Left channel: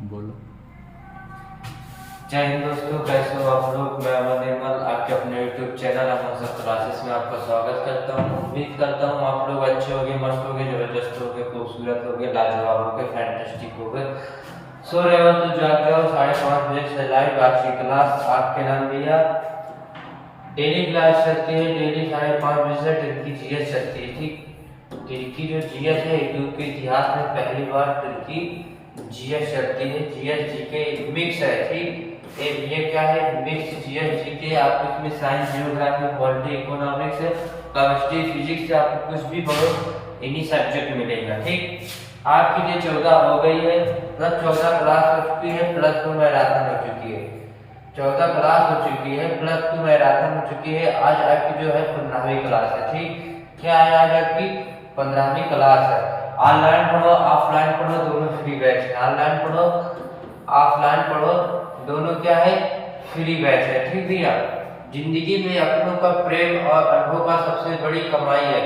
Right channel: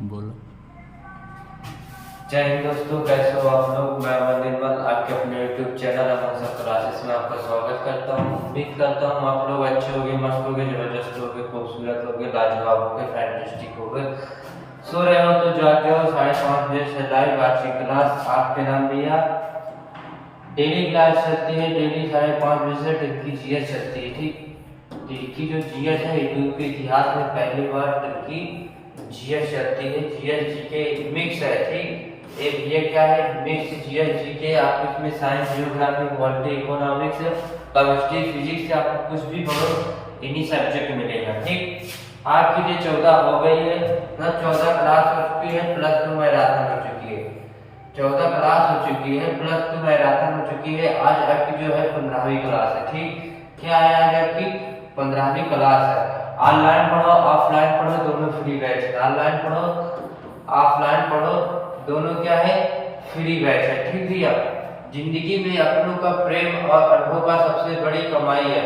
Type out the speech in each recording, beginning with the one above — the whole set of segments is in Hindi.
बोलो। जय हिंद दोस्तों, कैसे हो आप लोग। मैं अमन निर्मल आपके अपने यूट्यूब चैनल अमन सर क्लासेस में आपका स्वागत करता हूँ। उम्मीद करता हूँ आप लोग अच्छे होंगे, मस्त होंगे, जबरदस्त होंगे, खूबसूरत होंगे, लाजवाब होंगे, फैंटास्टिक होंगे। सो रहे हो तो जाग जाओ, 5:30 बजे से लाइव आज की क्लास। आपके नाम भैया डेली क्लास चलती है, डेली 5:30 बजे से तुर्की जीएस चलती है। ठीक, तुर्की जो जीएस है यूट्यूब के इतिहास में पहली बार तुर्की जीएस चलती है। जीएस जी के मिक्स है। ठीक, ये क्या है, मिक्स जीएस जी के। आप इसमें science, geography, polity, economics, chemistry, physics, आपको कुछ भी पढ़ो इन्हीं सब्जेक्ट मिलेगा। ठीक, आपके लिए 14 हो गई है, मतलब 14 क्लास हो चुकी है, +2 मैराथन हो चुकी है। 14 क्लास हो चुकी है, +2 मैराथन हो चुकी है। आज आपकी जो है 15वीं क्लास है। ठीक, क्या है आज आपकी 15वीं क्लास है। ऑनलाइन पढ़ो, ऑफलाइन पढ़ो, दोनों फ्री बैच है। ऑनलाइन पढ़ो, ऑफलाइन पढ़ो, दोनों क्या है, फ्री बैच है। ठीक भैया, जिंदगी में अपनों का प्रेम और अनुभव का सबसे बड़ी कमाई है।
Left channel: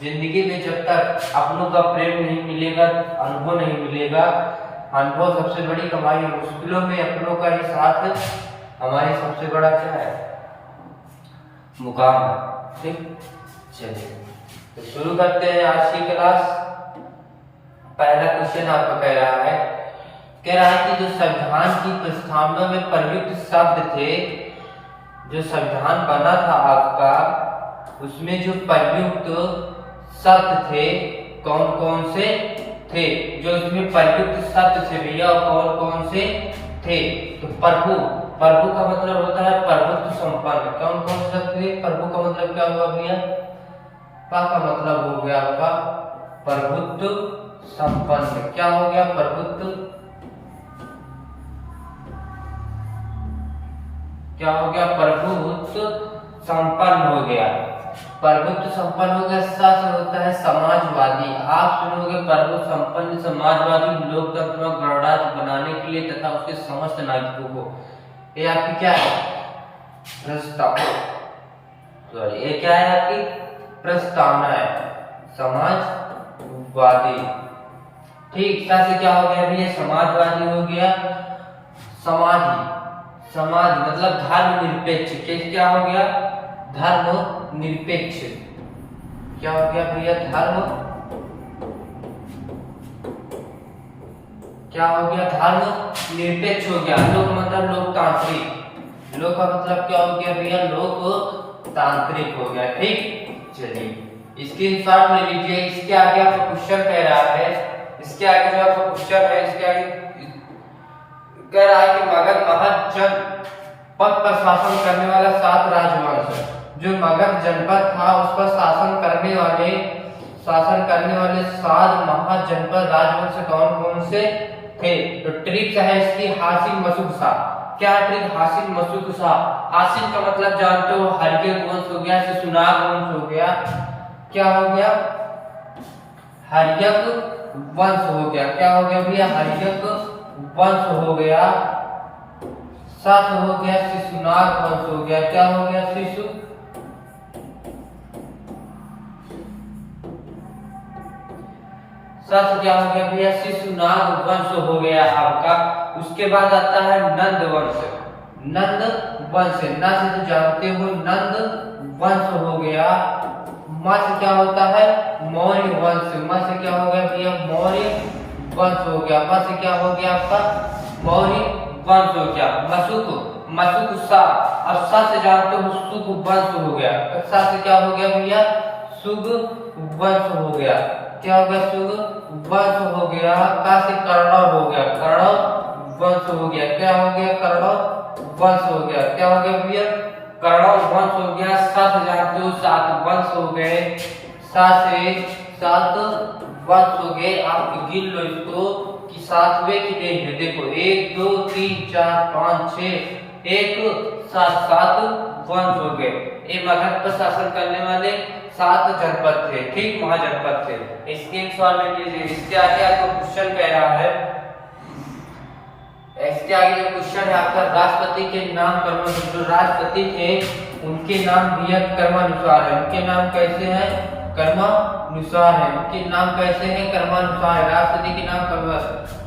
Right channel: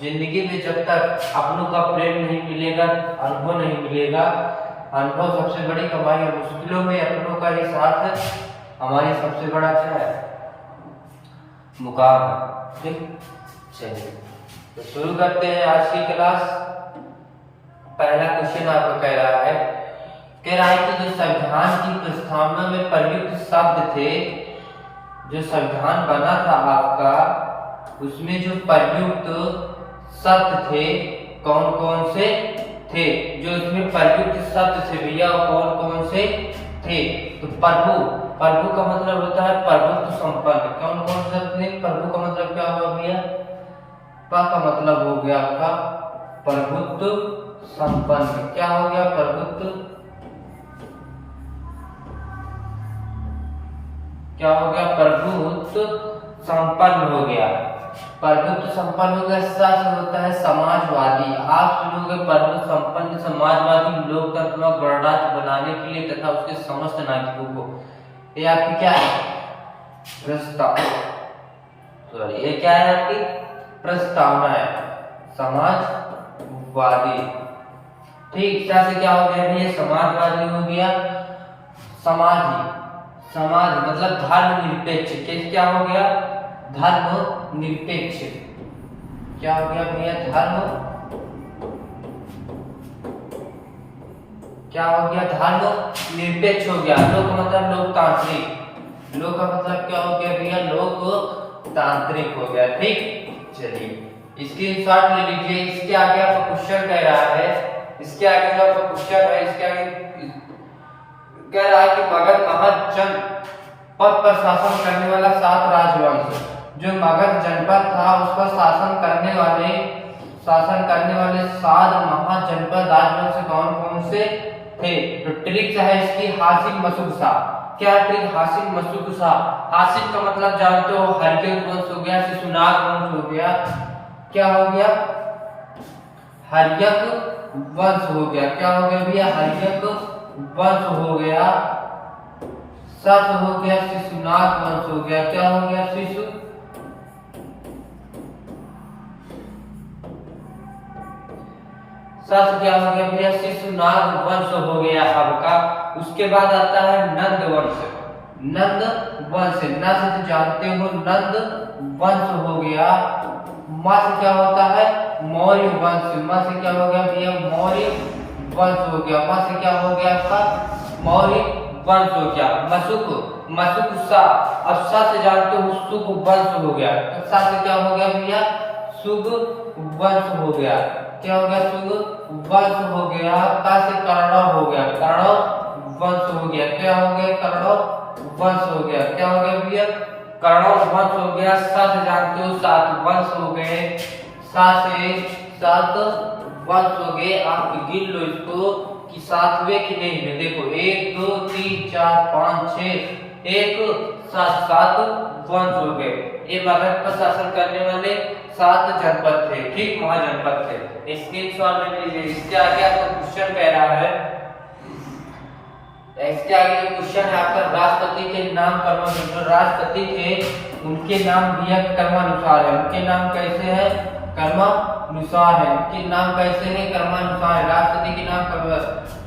जिंदगी में जब तक अपनों का प्रेम नहीं मिलेगा, अनुभव नहीं मिलेगा, अनुभव सबसे बड़ी कमाई है। मुश्किलों में अपनों का ही साथ हमारी सबसे बड़ा क्या है, मुकाम है। ठीक, चलिए तो शुरू करते हैं आज की क्लास। पहला क्वेश्चन आपको कह रहा है कि जो संविधान की प्रस्तावना में प्रयुक्त शब्द थे, जो संविधान बना था आपका, उसमें जो प्रयुक्त शब्द थे कौन कौन से थे। जो इसमें प्रयुक्त शब्द थे भैया कौन कौन से थे। तो प्रभु, प्रभु का मतलब होता है प्रभुत्व संपन्न। कौन कौन से शब्द थे। प्रभु का मतलब क्या हुआ भैया, पा का मतलब हो गया आपका प्रभुत्व संपन्न। क्या हो गया, प्रभुत्व, क्या हो गया, प्रभुत्व संपन्न हो गया। प्रभुत्व संपन्न हो गया। सच होता है समाजवादी। आप सुनोगे प्रभुत्व संपन्न समाजवादी लोकतंत्र में गणराज्य बनाने के लिए तथा उसके समस्त नागरिकों को। ये आपकी क्या है, प्रस्ताव, सॉरी ये क्या है आपकी प्रस्तावना है, समाजवादी। ठीक, से क्या हो गया ये समाजवादी हो गया। समाजी, समाज मतलब धर्मनिरपेक्ष। क्या हो गया, धर्मनिरपेक्ष। क्या हो गया भैया, धर्म, क्या हो गया, धर्मनिरपेक्ष हो गया। लोक मतलब लोकतांत्रिक। लोक का मतलब क्या हो गया भैया, लोकतांत्रिक हो गया। ठीक, चलिए स्क्रीनशॉट ले लीजिए। इसके आगे आपको क्वेश्चन कह रहा है, इसके आगे जो आपका क्वेश्चन है, इसके आगे कह रहा है कि मगध महज जनपद पर शासन करने वाला 7 राजवंश। जो मगध जनपद था उस पर शासन करने वाले 7 महाजनपद राजवंश कौन कौन से थे। तो ट्रिक है इसकी हासिन मसुक शाह। क्या ट्रिक, हासिन मसुक शाह। हासिन का मतलब जानते हो, हर्यक वंश हो गया, शिशुनाग वंश हो गया। क्या हो गया, हर्यक वंश हो गया। क्या हो गया भैया, हर्यक वंश हो गया। सत हो गया, शिशुनाग वंश हो गया। क्या हो गया, शिशु, सत क्या हो गया भैया, शिशुनाग वंश हो गया आपका। उसके बाद आता है नंद वंश। नंद वंश, न से तो जानते हो, नंद वंश हो गया। म से क्या होता है, मौर्य वंश। म से क्या हो गया भैया, मौर्य वंश हो गया। म से क्या हो गया आपका, मौर्य वंश हो गया। मसुक, मसुक शाह। अब सा से जानते हो, सुग वंश हो गया। सा से क्या हो गया भैया, सुग वंश हो गया। क्या हो गया, सुग वंश हो गया। का से कर्णव हो गया, कर्णव वंश हो गया। क्या हो गया, कर्णव वंश हो गया। क्या हो गया भैया, कर्णव वंश हो गया। सा से जानते हो, 7 वंश हो गए। सा से 7 वंश हो गए। आप गिन लो इसको कि 7वें की नहीं है। देखो 1 2 3 4 5 6 1 7 वंश हो गए। ये मगध पर शासन करने वाले 7 जनपद थे। ठीक, महाजनपद थे। स्क्रीनशॉट ले लीजिए। इसके आगे आपको क्वेश्चन कह रहा है, इसके आगे जो क्वेश्चन है आपका, राष्ट्रपति के नाम कर्म, जो राष्ट्रपति थे उनके नाम भी क्रमानुसार है। उनके नाम कैसे हैं, कर्म क्रमानुसार है, कि नाम कैसे है, क्रमानुसार है। राष्ट्रपति के नाम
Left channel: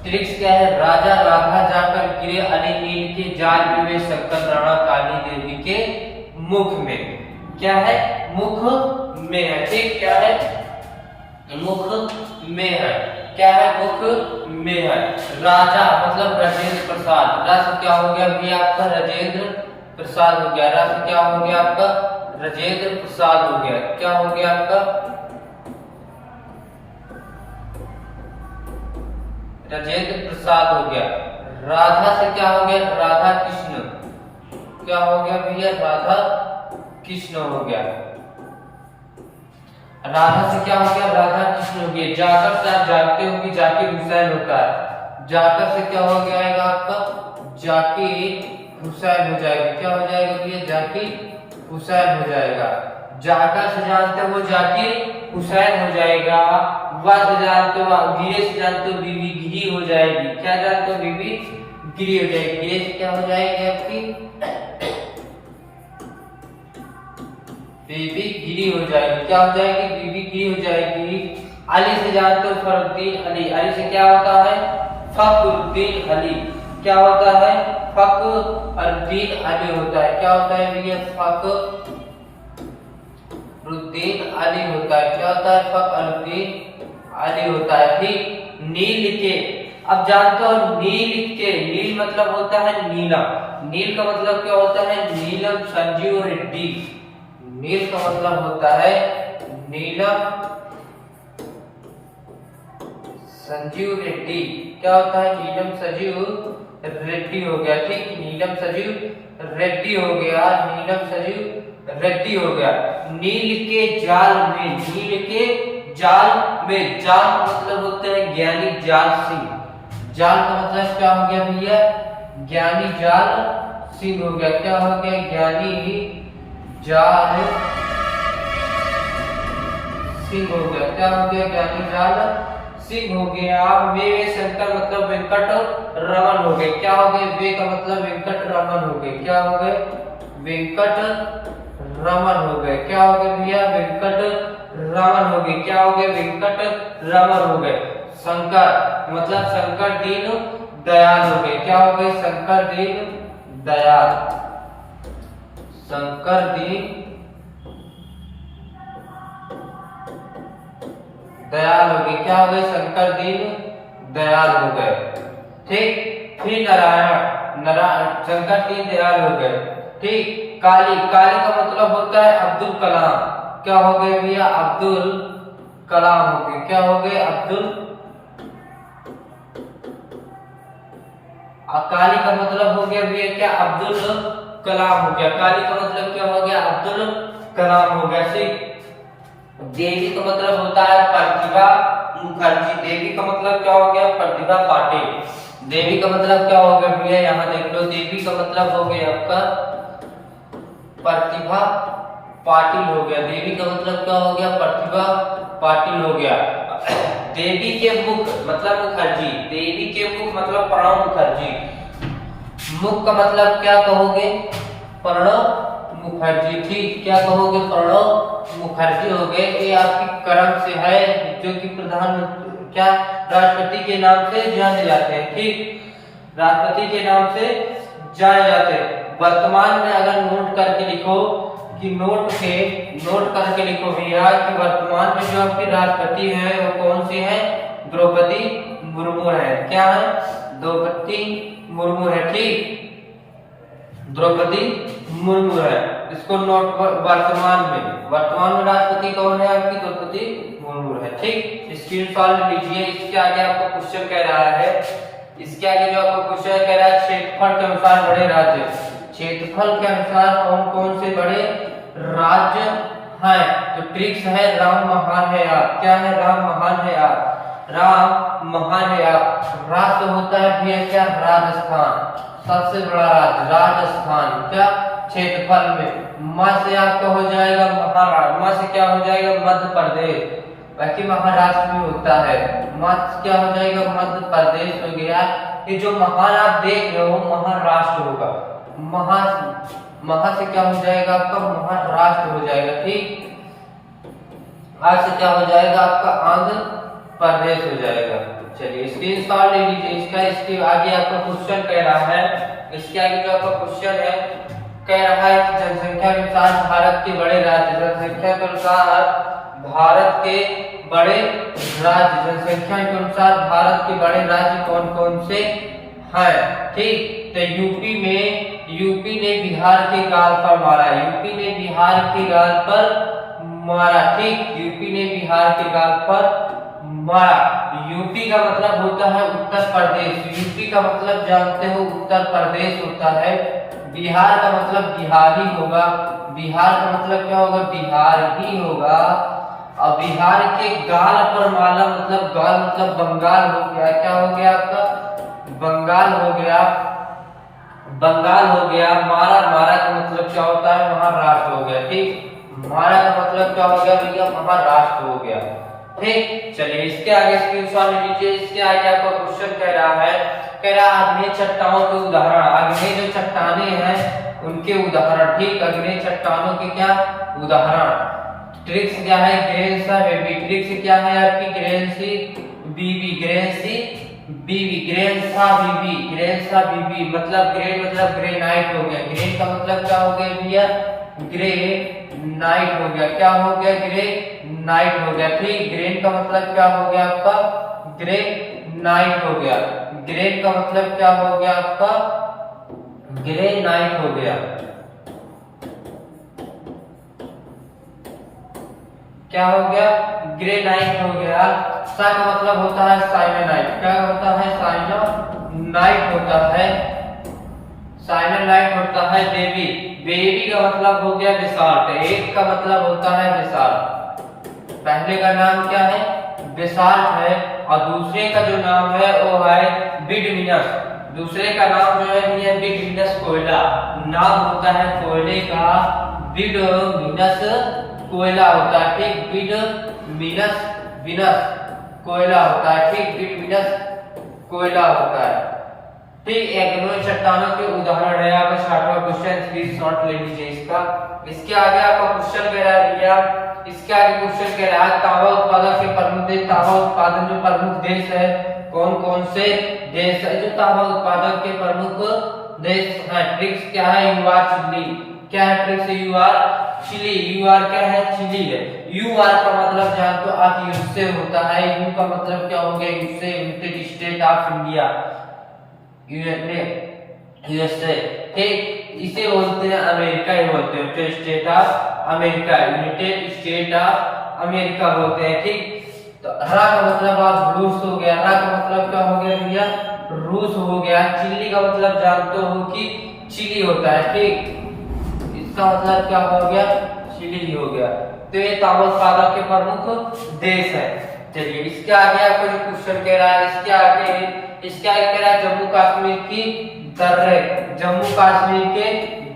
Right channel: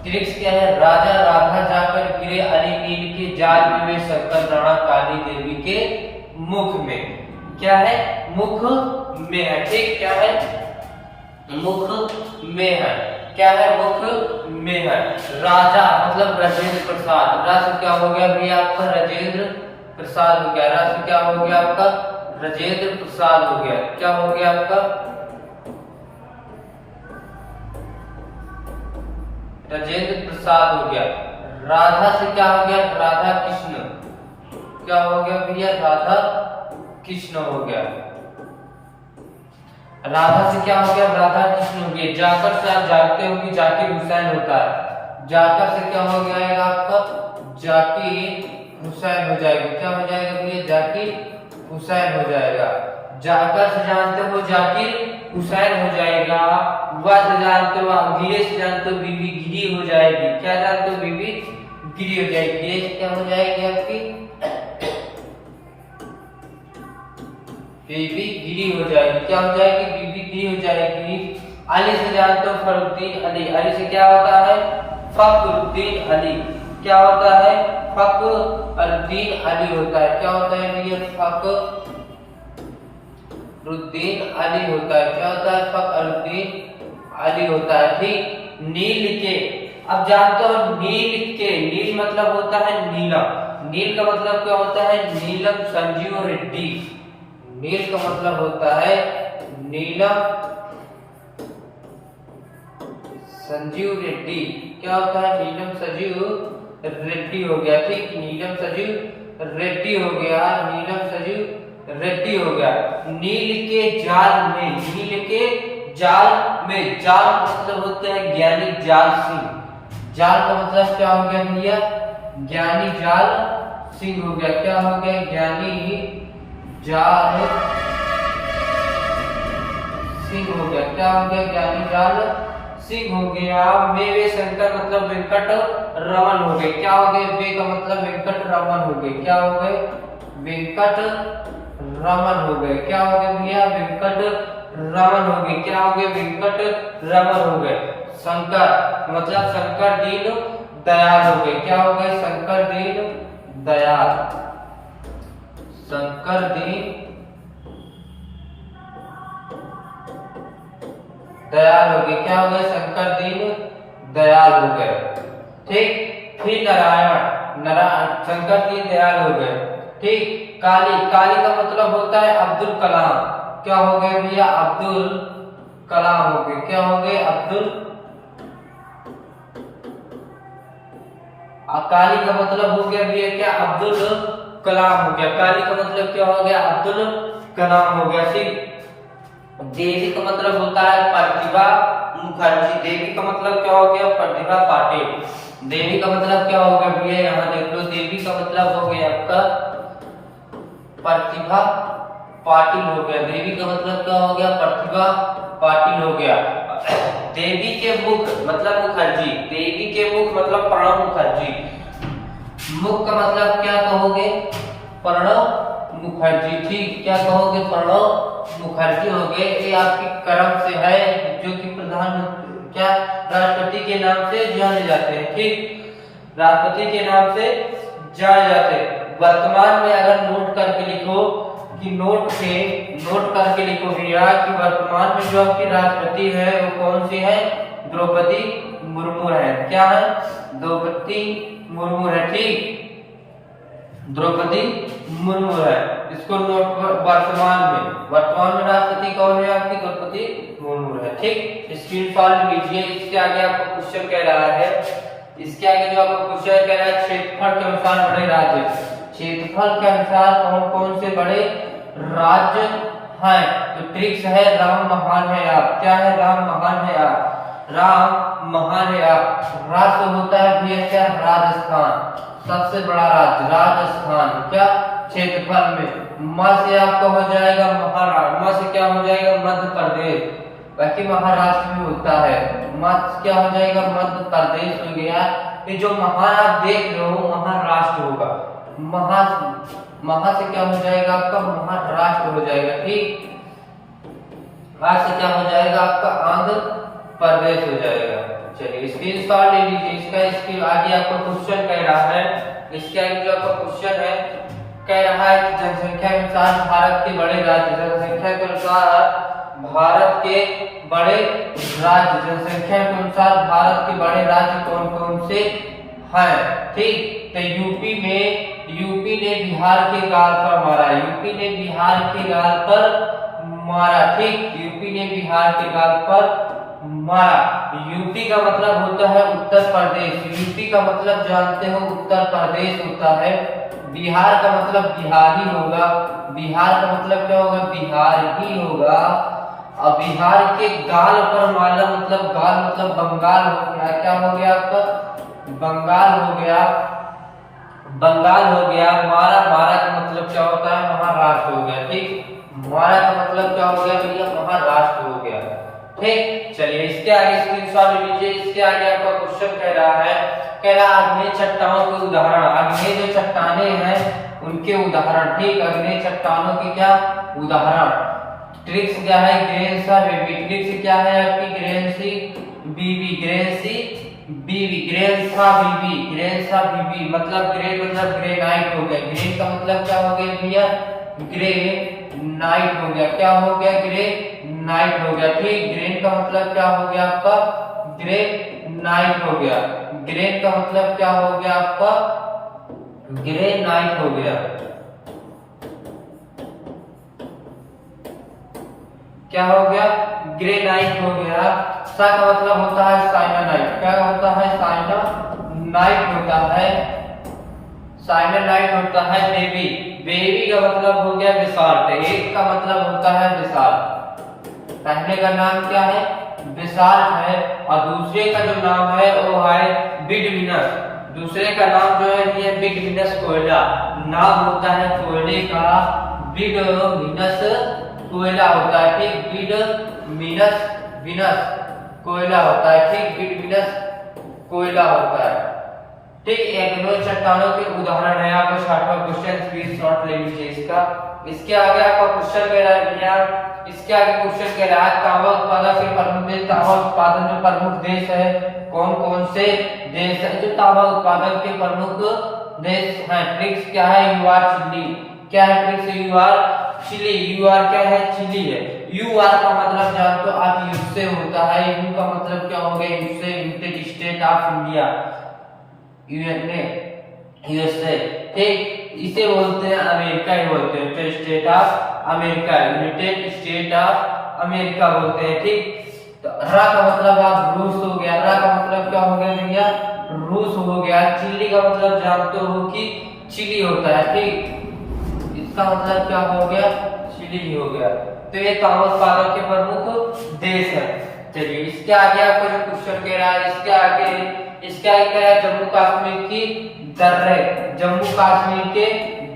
ट्रिक्स क्या है, राजा राधा जाकर गिरे अली नील के जाल में वे शंकर राणा काली देवी के मुख में। क्या है, मुख में है, ठीक, क्या है, मुख में है, क्या है, मुख में है। राजा मतलब राजेंद्र प्रसाद, राष्ट्र क्या हो गया भैया आपका, राजेंद्र प्रसाद हो गया। राष्ट्र क्या हो गया आपका, राजेंद्र प्रसाद हो गया। क्या हो गया आपका, राजेंद्र प्रसाद हो गया। राधा से क्या हो गया, राधा कृष्ण। क्या हो गया भैया, राधा कृष्ण हो गया। राधा से क्या हो गया, राधा कृष्ण हो गया। जाकर से आप जानते हो कि जाकिर हुसैन होता है। जाकर से क्या हो जाएगा आपका, जाकिर हुसैन हो जाएगी। क्या हो जाएगा भैया, जाकिर हुसैन हो जाएगा। जाकर से जानते हो जाकिर हुसैन हो जाएगा। वाह से जानते हो, गिरे से जानते हो बीबी गिरी हो जाएगी। क्या जानते हो, बीबी गिरी हो जाएगी। गिरे से क्या हो जाएगी आपकी, बीबी गिरी हो जाएगी। क्या हो जाएगी, बीबी गिरी हो जाएगी। अली से जानते हो फखरुद्दीन अली। अली से क्या होता है, फखरुद्दीन अली। क्या होता है, फखरुद्दीन अली होता है। क्या होता है भैया, फखरुद्दीन अली होता है। क्या होता है, फखरुद्दीन अली होता है, ठीक। नील के, अब जानते हो नील के, नील मतलब होता है नीलम। नील का मतलब क्या होता है, नीलम संजीव रेड्डी। नील का मतलब होता है नीलम संजीव रेड्डी। क्या होता है, नीलम संजीव रेड्डी हो गया, ठीक। नीलम संजीव रेड्डी हो गया, नीलम संजीव रेड्डी हो गया। नील के जाल में, नील के जाल में, जाल का मतलब होता है ज्ञानी जाल सिंह। जाल का मतलब क्या हो गया भैया, ज्ञानी जाल सिंह हो गया। क्या हो गया, ज्ञानी जाल सिंह हो गया। क्या हो गया, ज्ञानी जाल सिंह हो गया। वे शंकर मतलब वेंकट रमन हो गए। क्या हो गए, वे का मतलब वेंकट रमन हो गए। क्या हो गए, वेंकट रमन हो गए। क्या हो गए भैया, वेंकट रमन हो गए। क्या हो गए, वेंकट रमन हो गए। शंकर मतलब शंकर दीन दयाल हो गए। क्या हो गए, शंकर दीन दयाल, शंकर दीन दयाल हो गए। क्या हो गए, शंकर दीन दयाल हो गए, ठीक। फिर नारायण, नारायण शंकर दीन दयाल हो गए, ठीक। काली, काली का मतलब होता है अब्दुल कलाम। क्या हो गए भैया, अब्दुल कलाम हो गए। क्या हो गए, अब्दुल। काली का मतलब हो गया भैया क्या, अब्दुल कलाम हो गया। काली का मतलब क्या हो गया, अब्दुल कलाम हो गया, ठीक। देवी का मतलब होता है प्रतिभा मुखर्जी। देवी का मतलब क्या हो गया, प्रतिभा पाटिल। देवी का मतलब क्या हो गया भैया, यहाँ देख लो, देवी का मतलब हो गया आपका प्रतिभा पाटिल हो गया। देवी का मतलब क्या हो गया, प्रतिभा पाटिल हो गया। देवी के मुख मतलब मुखर्जी। देवी के मुख मतलब प्रणव मुखर्जी। मुख का मतलब क्या कहोगे, प्रणव मुखर्जी, ठीक। क्या कहोगे, प्रणव मुखर्जी हो गए। ये आपकी क्रम से है, जो कि प्रधान क्या राष्ट्रपति के नाम से जाने जाते हैं, ठीक। राष्ट्रपति के नाम से जाने जाते हैं। वर्तमान में अगर नोट करके लिखो कि नोट करके लिखो भैया कि वर्तमान में जो आपकी राष्ट्रपति है वो कौन सी है, द्रौपदी मुर्मू है। क्या है, द्रौपदी मुर्मू है, ठीक। द्रौपदी मुर्मू है। इसको नोट, वर्तमान में राष्ट्रपति कौन है आपकी, द्रौपदी मुर्मू है, ठीक। स्क्रीनशॉट लीजिए। इसके आगे आपको क्वेश्चन कह रहा है, इसके आगे जो आपको क्वेश्चन कह रहा है, क्षेत्रफल के अनुसार बड़े राज्य, क्षेत्रफल के अनुसार कौन कौन से बड़े राज्य हैं। तो ट्रिक्स है, राम महान है आप। क्या है, राम महान है आप, राम महान है आप। राष्ट्र होता है भैया क्या, राजस्थान, सबसे बड़ा राज्य राजस्थान। क्या, क्षेत्रफल में। मां से आपका हो जाएगा महाराष्ट्र, मां से क्या हो जाएगा, मध्य प्रदेश। बाकी महाराष्ट्र में होता है, मां क्या हो जाएगा, मध्य प्रदेश हो गया। ये जो महान आप देख रहे हो महाराष्ट्र होगा। महा से क्या हो जाएगा आपका, महाराष्ट्र हो जाएगा, ठीक। आज से क्या हो जाएगा आपका आंध्र प्रदेश हो जाएगा। चलिए स्क्रीनशॉट ले लीजिए इसका। इसके आगे आपका क्वेश्चन कह रहा है, इसके आगे जो आपका क्वेश्चन है कह रहा है कि जनसंख्या के अनुसार भारत के बड़े राज्य, जनसंख्या के अनुसार भारत के बड़े राज्य, जनसंख्या के अनुसार भारत के बड़े राज्य कौन कौन से हैं। ठीक, तो यूपी ने बिहार के गाल पर मारा, यूपी ने बिहार के गाल पर मारा। ठीक, यूपी ने बिहार के गाल पर मारा। यूपी का मतलब होता है उत्तर प्रदेश, यूपी का मतलब जानते हो उत्तर प्रदेश होता है। बिहार का मतलब बिहार ही होगा, बिहार का मतलब क्या होगा, बिहार ही होगा। और बिहार के गाल पर मारा मतलब गाल मतलब बंगाल हो गया। क्या हो गया आपका, बंगाल हो गया, बंगाल हो गया। मारा, मारा का मतलब क्या होता है, महाराष्ट्र हो गया। ठीक, मारा का मतलब क्या हो गया भैया, महाराष्ट्र हो गया। ठीक, चलिए इसके आगे स्क्रीनशॉट ले लीजिए। इसके आगे आपका क्वेश्चन कह रहा है, कह रहा है आग्नेय चट्टानों के उदाहरण, आग्नेय जो चट्टाने हैं उनके उदाहरण। ठीक, आग्नेय चट्टानों के क्या उदाहरण। ट्रिक्स क्या है, ग्रेन सा बेबी, ट्रिक्स क्या है आपकी, ग्रेन सी बीबी, ग्रेन सी बीबी, ग्रेन सा बीबी, ग्रेन सा बीबी मतलब ग्रेन मतलब ग्रेनाइट हो गया। ग्रेन का मतलब क्या हो गया भैया, ग्रे नाइट हो गया। क्या हो गया, ग्रे नाइट हो गया। ठीक, ग्रेन का मतलब क्या हो गया आपका, ग्रे नाइट हो गया। ग्रेन का मतलब क्या हो गया आपका, ग्रे नाइट हो गया। क्या हो गया, ग्रे नाइट हो गया। सा का मतलब होता है साइनानाइट, क्या होता है, साइनानाइट होता है, साइनानाइट होता है। बेबी, बेबी का मतलब हो गया बेसाल्ट, एक का मतलब होता है बेसाल्ट। पहले का नाम क्या है, बेसाल्ट है, और दूसरे का जो नाम है वो है बिटुमिनस। दूसरे का नाम जो है ये बिटुमिनस कोयला, नाम होता है कोयले का बिटुमिनस कोयला होता है। ठीक, बिटुमिनस विनस कोयला होता है। ठीक, बिटुमिनस कोयला होता है। ठीक, एग्नो चट्टानों के उदाहरण है। आपका 60वां क्वेश्चन स्क्रीनशॉट ले लीजिए इसका। इसके आगे आपका क्वेश्चन कह रहा है भैया, इसके आगे क्वेश्चन कह रहा है तांबा उत्पादक के प्रमुख देश, तांबा उत्पादन जो प्रमुख देश है कौन कौन से देश है जो तांबा उत्पादन के प्रमुख देश है। ट्रिक्स क्या है, यूआर चिली, क्या है ट्रिक्स, यूआर चिली, यूआर क्या है, चिली है। यूआर का मतलब जानते हो आप, यूएसए होता है। यू का मतलब क्या हो गया, USA, United state of India, USA. ठीक, इसे बोलते हैं अमेरिका ही बोलते हैं, United state of America, United state of America बोलते हैं। ठीक, तो रा का मतलब आप रूस हो गया, रा का मतलब क्या हो गया भैया, रूस हो गया। चिली का मतलब जानते हो कि चिली होता है। ठीक, इसका मतलब क्या हो गया, चिली हो गया। तो ये तांबा उत्पादक के प्रमुख देश है। चलिए इसके आगे आपको जो क्वेश्चन कह रहा है, इसके आगे कह रहा है जम्मू कश्मीर की दर्रे, जम्मू कश्मीर के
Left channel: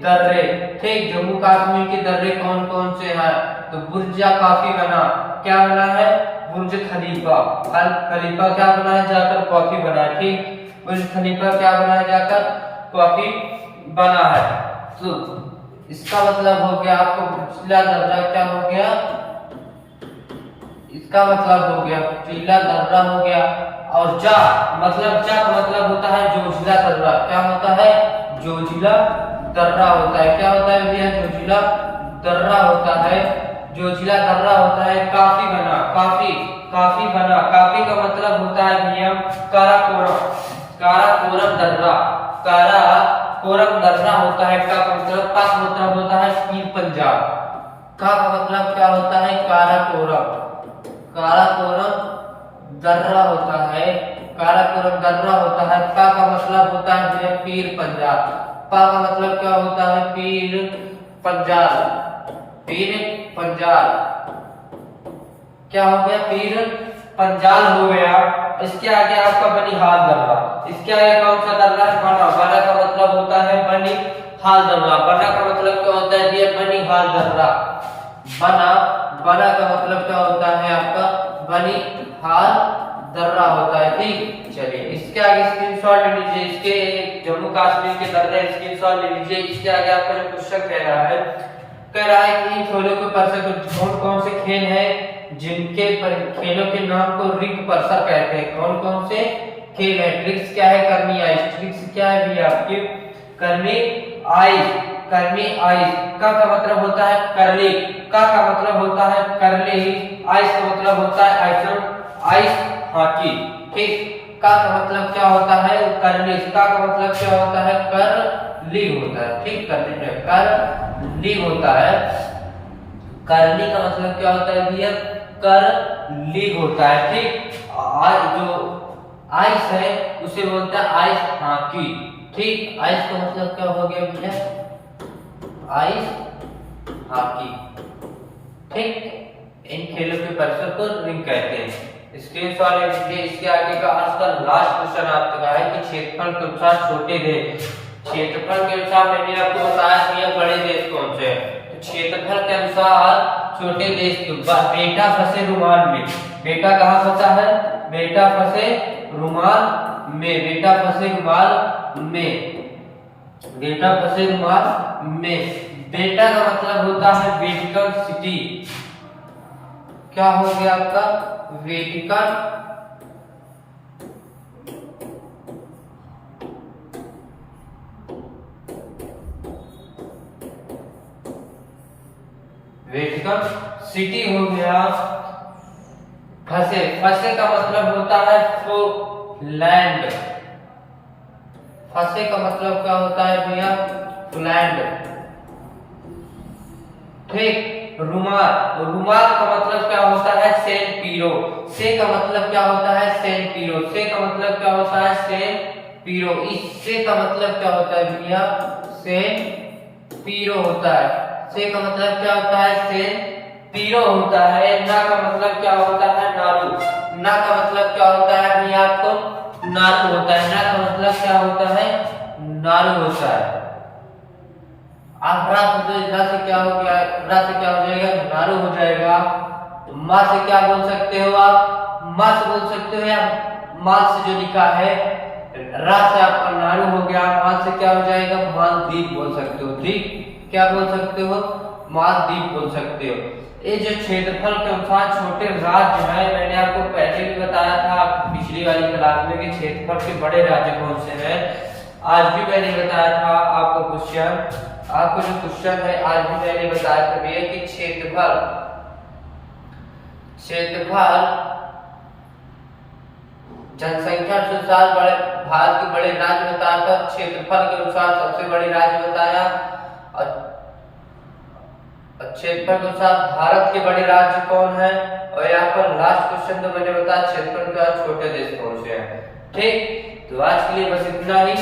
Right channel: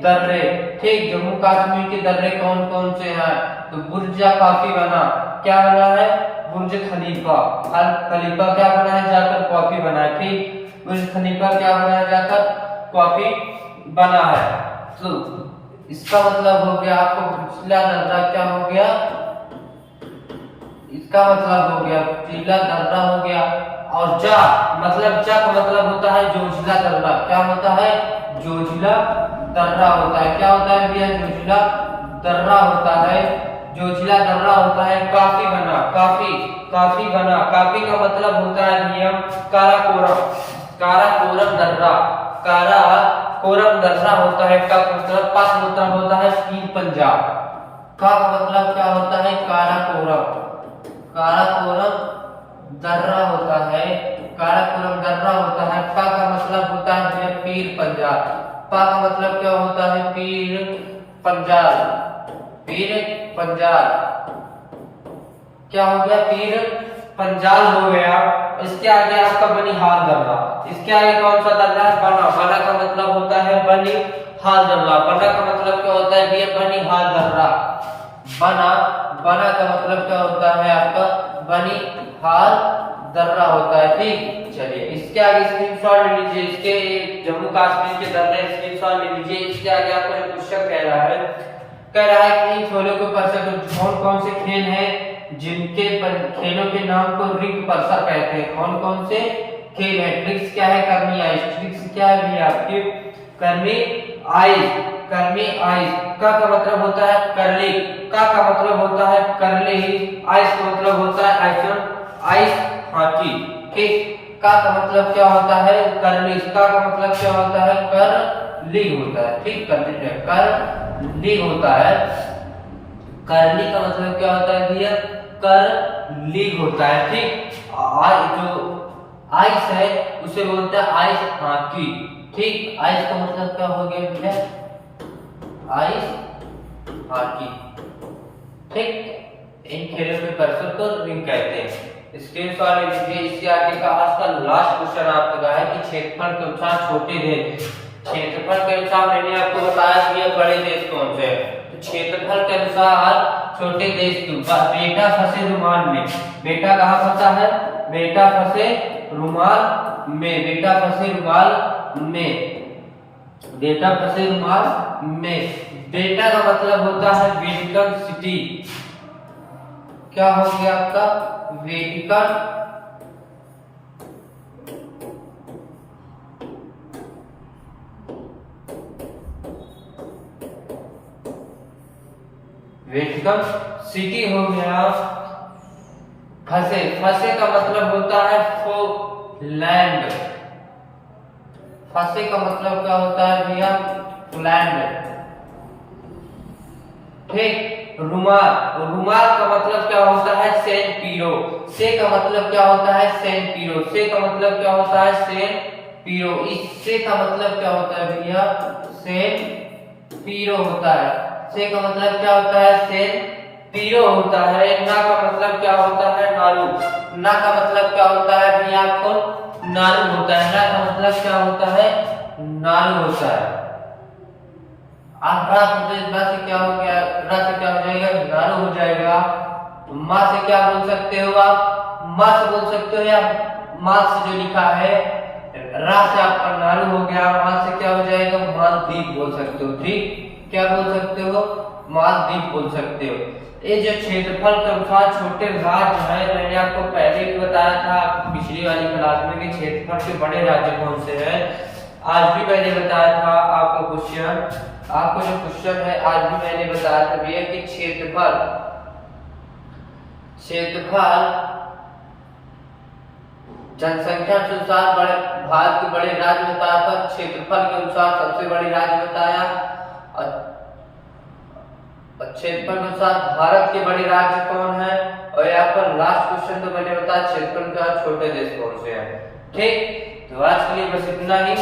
दर्रे। ठीक, जम्मू कश्मीर के दर्रे कौन कौन से हैं, तो बुर्ज काफी बना, क्या बना है, बुर्ज खलीफा, खलीफा क्या बना है, जाकर कॉफी बना है। ठीक, बुर्ज खलीफा क्या बना है, जाकर कॉफी बना है। तो इसका मतलब हो गया आपको पिछला दर्रा क्या हो गया, इसका मतलब हो गया पिछला दर्रा हो गया। और जा मतलब, जा का मतलब होता है जोजिला दर्रा, क्या होता है, जोजिला दर्रा होता है। क्या होता है भैया, जोजिला दर्रा होता है, जोजिला दर्रा होता है। काफी बना, काफी, काफी बना, काफी का मतलब होता है भैया काराकोरम, काराकोरम दर्रा, काराकोरम दर्रा होता है। का मतलब पास मतलब होता है पीर पंजाब, का मतलब क्या होता है, काराकोरम, काराकोरम दर्रा होता है, काराकोरम दर्रा होता है। पा का मतलब होता है पीर पंजाब, पा का मतलब क्या होता है, पीर पंजाल, पीर पंजाल, क्या हो गया, पीर पंजाल हो गया। इसके आगे आपका बनिहाल दर्रा, इसके आगे कौन सा दर्रा है, बना, बना का मतलब होता है बनिहाल दर्रा, बना का मतलब क्या होता है ये बनिहाल दर्रा, बना, बना का मतलब क्या होता है आपका बनिहाल दर्रा होता है। ठीक, चलिए इसके आगे स्क्रीनशॉट ले लीजिए, इसके जम्मू कश्मीर के दर्रे स्क्रीनशॉट ले लीजिए। इसके आगे आपका जो क्वेश्चन कह रहा है कि खेलों के पर्सन कौन कौन से खेल हैं जिनके खेलों के नाम को रिंग पर्सर कहते हैं। कौन कौन से खेल है? ट्रिक्स क्या है? कर्मी आइस। ट्रिक्स क्या है भी आपके? कर्मी आइस। कर्मी आइस का मतलब होता है करली, का मतलब होता है करली, आइस का मतलब होता है आइस हॉकी। ठीक, का मतलब क्या होता है? करली। का मतलब क्या होता है? करली होता है। ठीक, करली होता है। करली का मतलब क्या होता है भैया? करली होता है। ठीक, जो आइस है उसे बोलते हैं आइस हॉकी। ठीक, आइस का मतलब क्या हो गया भैया? Ice hockey. ठीक, इन खेलों के परिसर को रिंग कहते हैं। स्क्रीनशॉट ले लीजिए। इसके आगे का आज का लास्ट क्वेश्चन आपका है कि क्षेत्रफल के अनुसार छोटे देश। क्षेत्रफल के अनुसार मैंने आपको बताया कि यह बड़े देश कौन से हैं। तो क्षेत्रफल के अनुसार छोटे देश बेटा फंसे रुमाल में। बेटा कहाँ फंसा है? बेटा फंसे रुमाल में। बेटा फंसे रुमाल में। बेटा फंसे रुमाल में। बेटा का मतलब होता है वेटिकन सिटी। क्या हो गया आपका? वेटिकन सिटी हो गया। फंसे, फंसे का मतलब होता है लैंड। फंसे का मतलब क्या होता है भैया? लैंड। ठीक, रुमाल। रुमाल का मतलब क्या होता है? सेन पीरो। से का मतलब क्या होता है? सेन पीरो। से का मतलब क्या होता है? सेन पीरो। इससे का मतलब क्या होता है भैया? सेन पीरो होता है। से का मतलब क्या होता है? सेन पीरो होता है। ना का मतलब क्या होता है? नारू। ना का मतलब क्या होता है भैया? आपको नारू होता है। ना का मतलब क्या होता है? नारू होता है। रा से क्या हो गया? रा से क्या हो जाएगा? नारू हो जाएगा। माँ से क्या बोल सकते हो आप? माँ से बोल सकते हो, या माँ से जो लिखा है रा से आपका नारू हो गया। माँ से क्या हो जाएगा? मालदीप बोल सकते हो। ठीक, क्या बोल सकते हो? मालदीप बोल सकते हो। ये जो क्षेत्रफल के अनुसार छोटे राज्य है, मैंने आपको पहले भी बताया था पिछली वाली क्लास में कि क्षेत्रफल के बड़े राज्य कौन से हैं। आज भी मैंने बताया था आपको क्वेश्चन, आपको जो क्वेश्चन है आज भी मैंने बताया था भैया कि क्षेत्रफल जनसंख्या के अनुसार बड़े भारत के बड़े राज्य बताया था। क्षेत्रफल के अनुसार सबसे बड़े राज्य बताया। और क्षेत्रफल के अनुसार भारत के बड़े राज्य कौन है। और यहाँ पर लास्ट क्वेश्चन तो मैंने बताया क्षेत्रफल के अनुसार छोटे देश कौन से हैं। ठीक, तो आज के लिए बस इतना ही।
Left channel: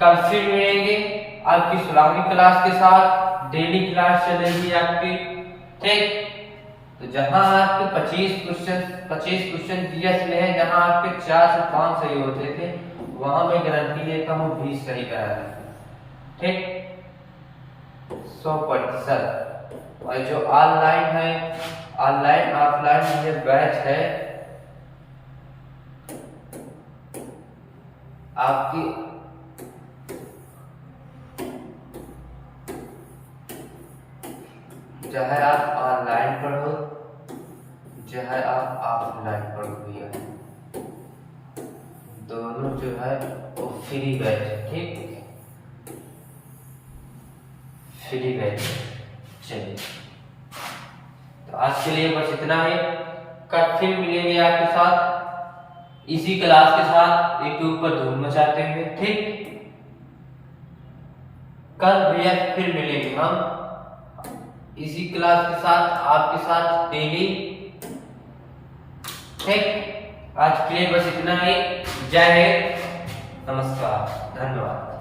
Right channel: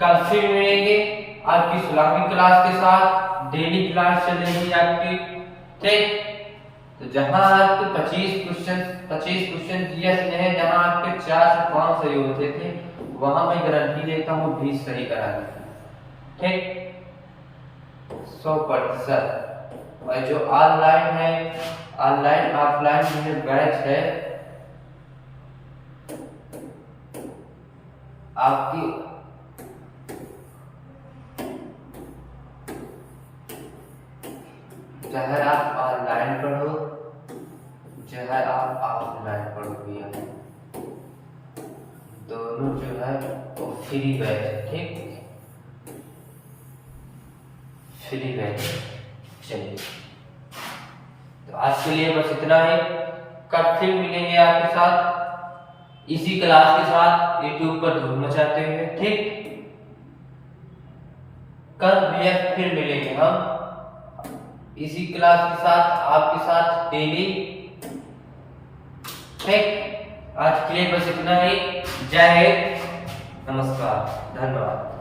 कल फिर मिलेंगे आपकी 16वीं क्लास के साथ। डेली क्लास चलेगी आपकी। ठीक, तो जहां आपके 25 क्वेश्चन जीएस में है, जहां आपके 4 से 5 सही होते थे, वहां मैं गारंटी देता हूं 20 सही करा देंगे। ठीक, 100%। और जो ऑनलाइन है, ऑनलाइन ऑफलाइन में बैच है आपकी, चाहे आप ऑनलाइन पढ़ो चाहे आप ऑफलाइन पढ़ो भैया, दोनों जो है वो फ्री बैच है। ठीक, फ्री बैच। चलिए, तो आज के लिए बस इतना ही। कल फिर मिलेंगे आपके साथ इसी क्लास के साथ, यूट्यूब पर धूम मचाते हुए। ठीक, कल भैया फिर मिलेंगे हम इसी क्लास के साथ, आपके साथ डेली। ठीक, आज के लिए बस इतना ही। जय हिंद, नमस्कार, धन्यवाद।